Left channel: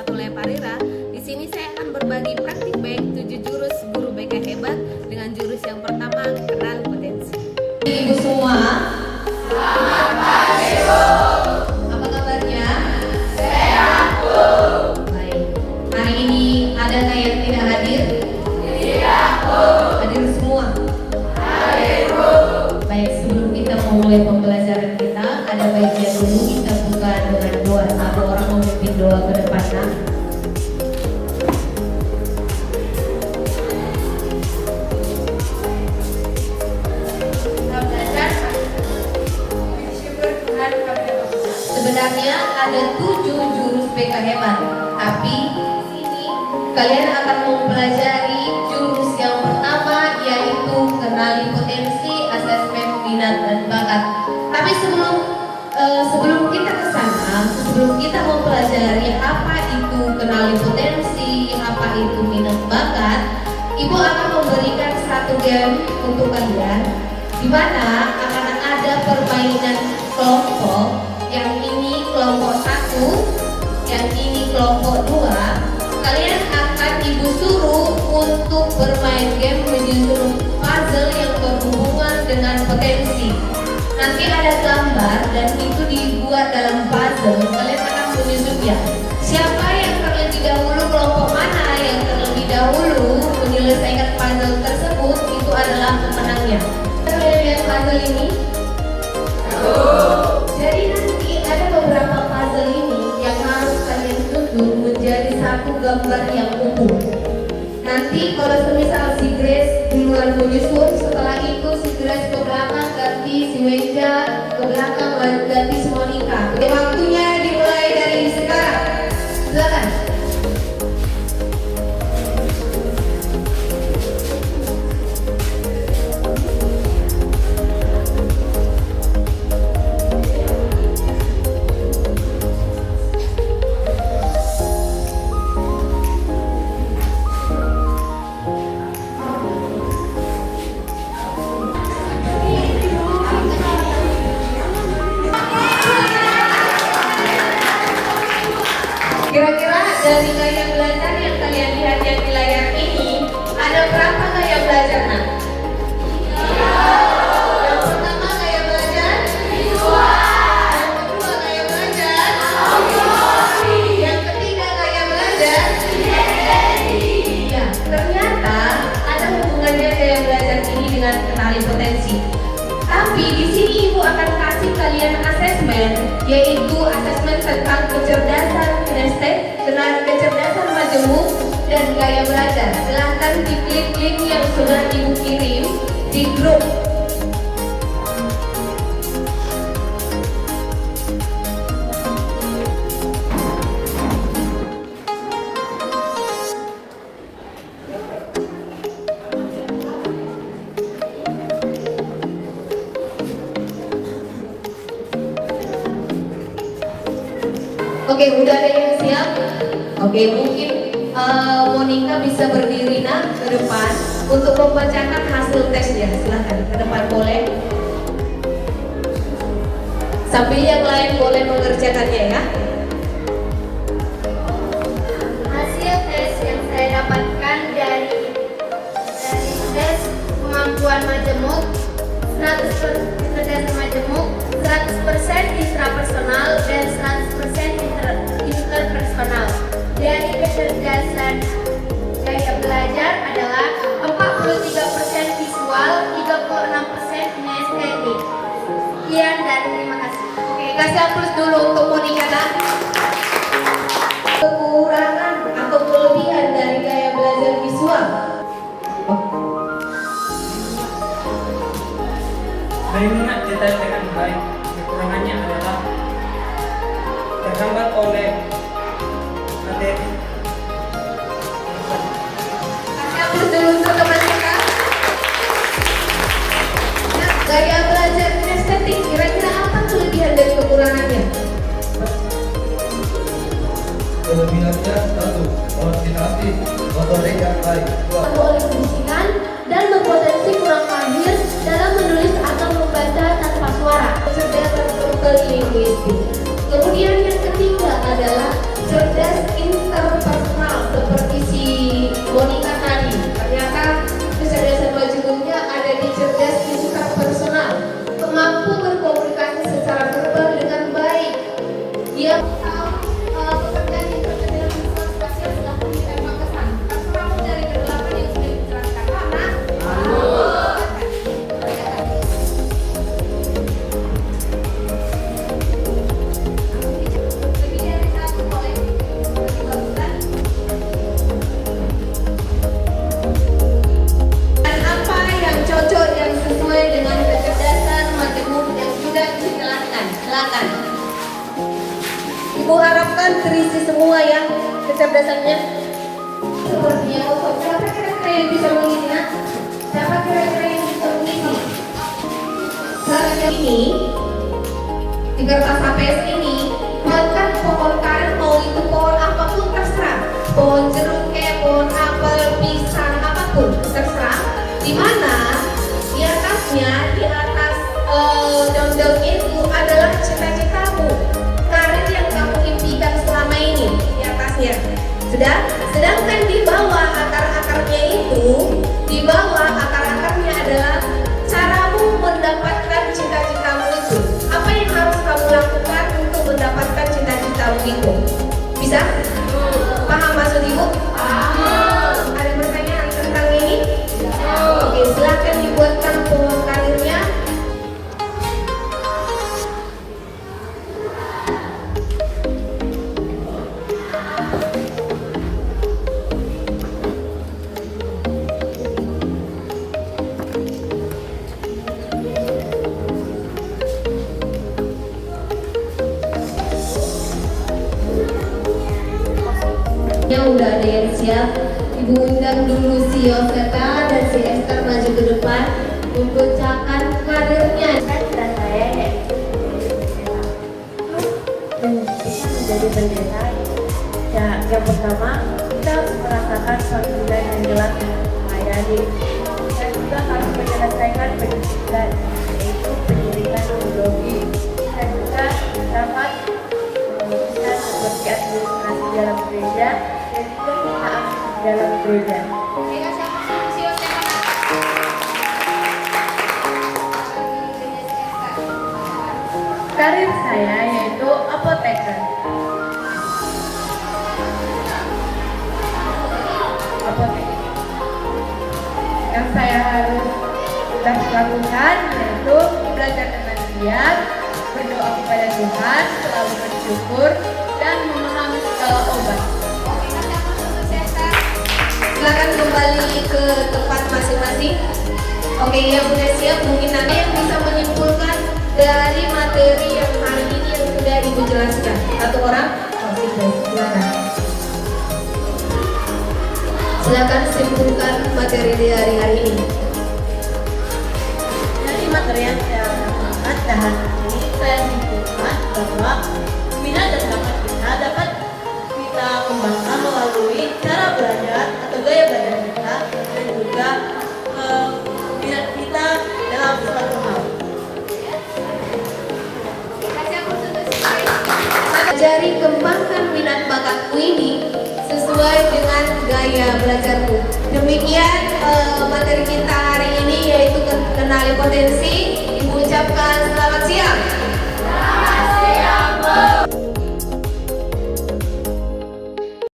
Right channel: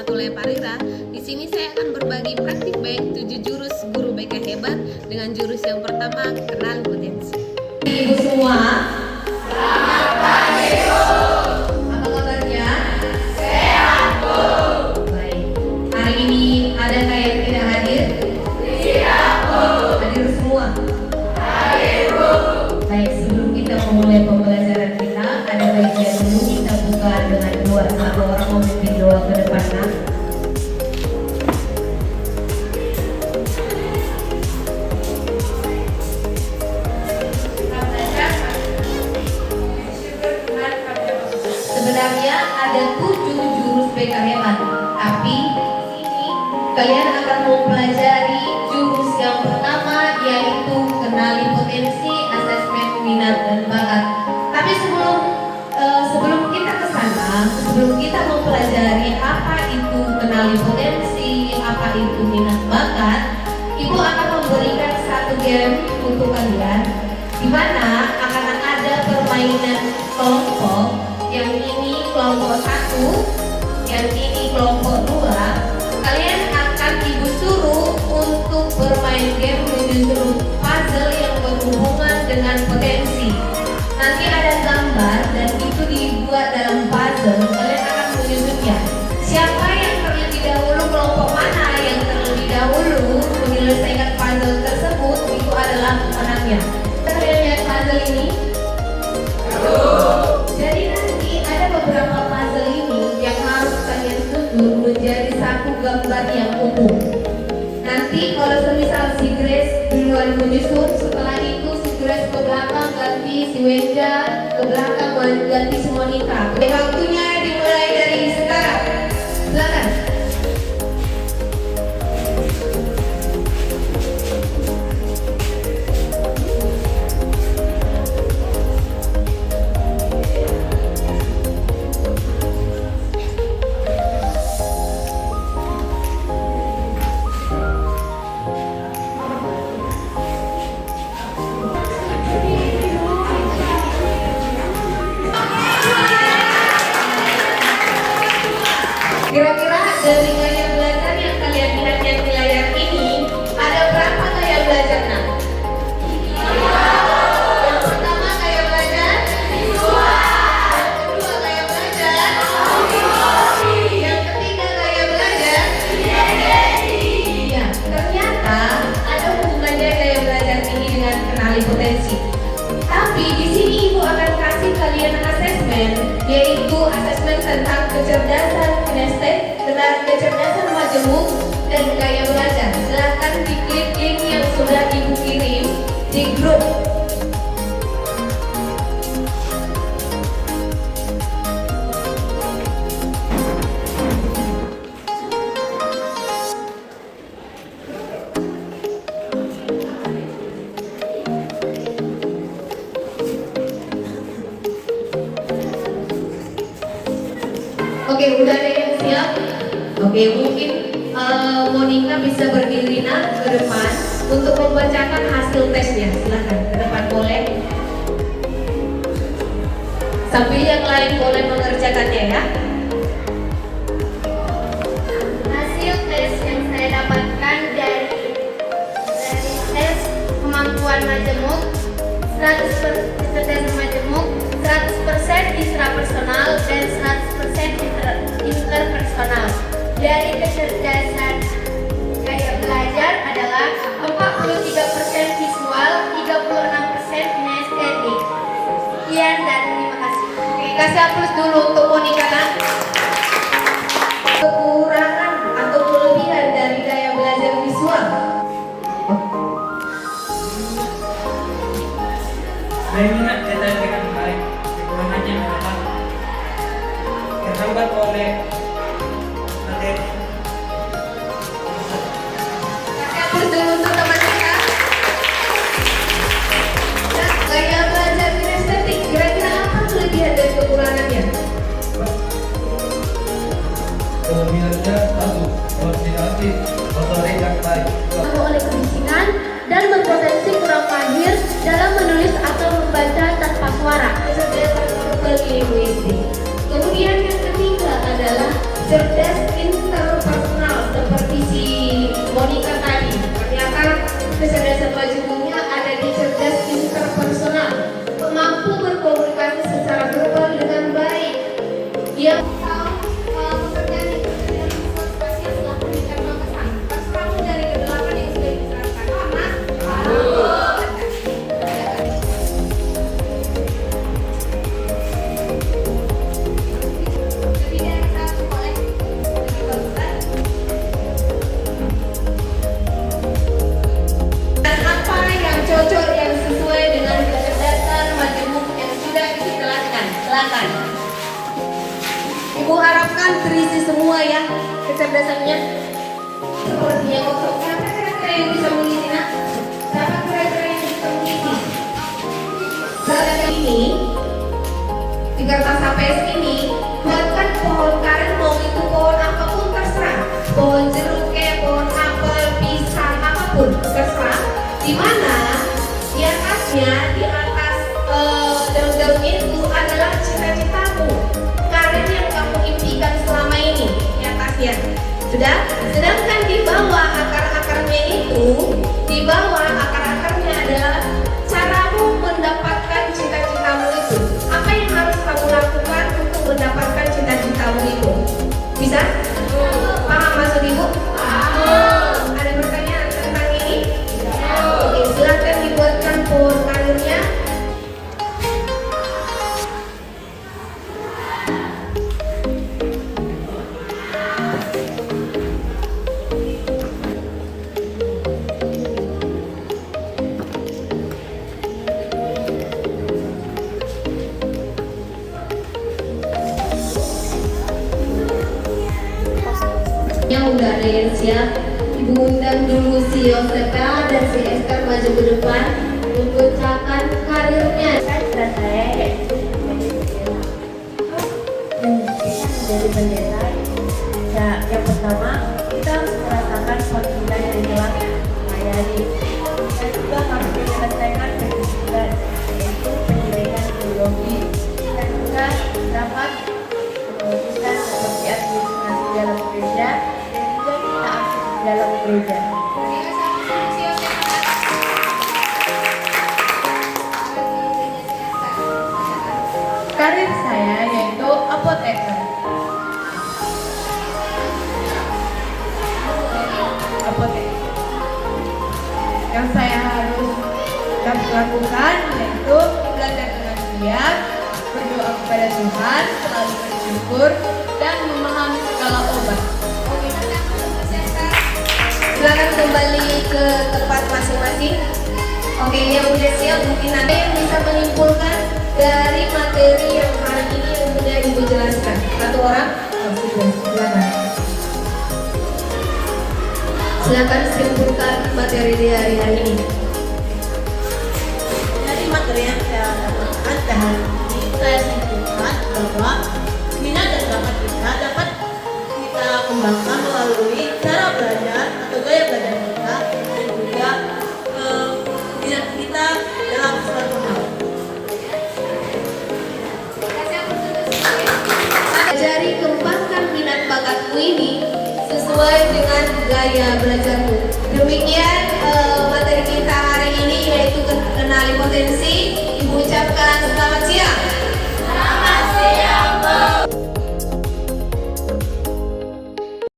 1 Leparira. Di sini saya akan berbagi praktik baik 7 jurus guru BK hebat dengan jurus yang pertama, kenali potensi. Ibu semua, selamat pagi Bu. Apa kabarnya? Sehat Bu. Baik. Hari ini adakah yang tidak hadir? Tidak Bu. Hadir semua? Hadir Bu. Baik, sebelum kita memulai pembelajaran kita, ada baiknya dulu kita buka dengan doa. Satu orang memimpin doa ke depan. Sebenarnya ada 7 jurus BK hebat, tapi ini kalian akan mempelajari jurus yang pertama, yaitu kenali potensi, asesmen minat dan bakat. Tapi sebelum kita ke sana, sebelum kita mempelajari apa itu kenali potensi, apa itu minat bakat, Ibu akan memberikan satu game untuk kalian, di mana akan ada permainan kelompok. Yang ini kelompok 1, yang ini kelompok 2. Kalian akan Ibu suruh untuk bermain game menyusun puzzle yang berhubungan dengan potensi. Nanti ada gambar dan itu dibuat dalam puzzle. Kalian akan menyusunnya. Siapa yang terlebih dahulu, kelompok mana yang terlebih dahulu menyelesaikan puzzle tersebut, itu adalah pemenangnya. Kalian lihat puzzle ini? Jadi nanti ada beberapa puzzle ini yang harus kalian susun menjadi satu gambar yang utuh. Nanti kalau semisal si Grace duluan menyusun, setelah itu si Grace ke belakang ganti si Wenja, ke belakang ganti si Monica. Waktunya dimulai dari sekarang. Silakan. Kira-kira dari gaya belajar yang kalian lihat yang di layar ini, ada berapa gaya belajar nak? Yang pertama gaya belajar visual. Yang kedua gaya belajar auditory. Yang ketiga gaya belajar kinestetik. Ya, ternyata ada hubungannya gaya belajar ini dengan kenali potensi. Tapi di sini Ibu akan kasih kalian asesmen, yaitu asesmen tentang kecerdasan kinestetik, kecerdasan majemuk, dan gaya belajar. Silahkan diklik link yang sudah Ibu kirim di grup. Oke, udah ada yang siap? Oke, mungkin Monica bisa berdiri nak ke depan untuk membacakan hasil tesnya. Silahkan ke depan boleh. Sambil yang lain boleh mengerjakannya ya. Hasil tes yang saya dapatkan dari tes kemampuan majemuk, 100% kecerdasan majemuk, 100% intrapersonal dan 100% interpersonal. Dari kecerdasan gaya belajar adalah 43% visual, 36% kinestetik. Sekian dan terima kasih. Oke, kasih aplaus dulu untuk Monica kan. Kekurangan atau kelebihan dari gaya belajar visual. Mengingat detail dengan baik, kekurangannya adalah terhambat oleh materi. Kasih aplaus dulu untuk teman kita. Nah, gaya belajar kinestetik, kira-kira apa kelebihan dari kekurangannya? Kelebihannya satu, koordinatif, motorik yang baik. Oleh kebisingan dan berpotensi kurang mahir dalam menulis atau membaca tanpa suara. Kecerdasan verbal linguistik. Kemudian yang ketiga adalah cerdas silakan. Ibu harapkan terisi semua ya kecerdasannya. Sepertinya kosong. Siapa kira-kira yang bisa mengisi, nak? Siapa kira-kira yang bisa mengisi? Silakan ini di kertas HPS ini buatkan pohon karet, mau itu pohon apapun terserah, pohon jeruk kayak pohon apel, pisang apapun terserah. Di mana di atasnya, di atas daun-daunnya itu adalah cita-citamu, karir yang kamu impikan selama ini di atasnya. Sudah? Sedangkan di bawah akar-akarnya itu, di bawah akar-akarnya adalah caramu mendapatkan cita-citamu itu. Apa yang harus kamu lakukan untuk mendapatkan cita-citamu itu? Bisa? Paham maksud ibu? Ada pertanyaan tentang ini? Oke, silakan dibuatkan pohon karirnya. Udah ada yang siap. Ibu undang dulu si Yoseta dan si Esther maju ke depan membacakan karirnya. Cita saya yaitu menjadi pendeta. Ya, yang pertama kita harus merasakan panggilan yang jelas melayani. Kita juga harus menyelesaikan pendidikan, yaitu pendidikan teologi. Kita juga dapat bisa seperti administrasi dalam gereja dan juga kita aktif di dalam gereja. Karir saya yaitu apoteker. Yang saya harus lakukan yaitu belajar dengan giat, berdoa kepada Tuhan, selalu bersyukur, dan memahami segala obat. Oke, kasih aplaus untuk Sister. Silakan kembali ke tempat masing-masing. Oke, yang udah siap mungkin ada yang bisa menyimpulkan dari materi yang hari ini yang sudah Ibu jelaskan. Satu orang? Oh, silakan. Silakan simpulkan materi di hari ini. Dari materi yang saya lakukan dan hari ini saya simpulkan bahwa minat dan bakat kita dapat kita kembangkan melalui cara belajar atau gaya belajar kita dan juga minat kita dalam suatu hal. Ajari kembangkan minat bakatmu ini sesuai dengan gaya belajarmu. Demikian materi kita hari ini yaitu kenali potensi. Ibu ucapkan selamat siang.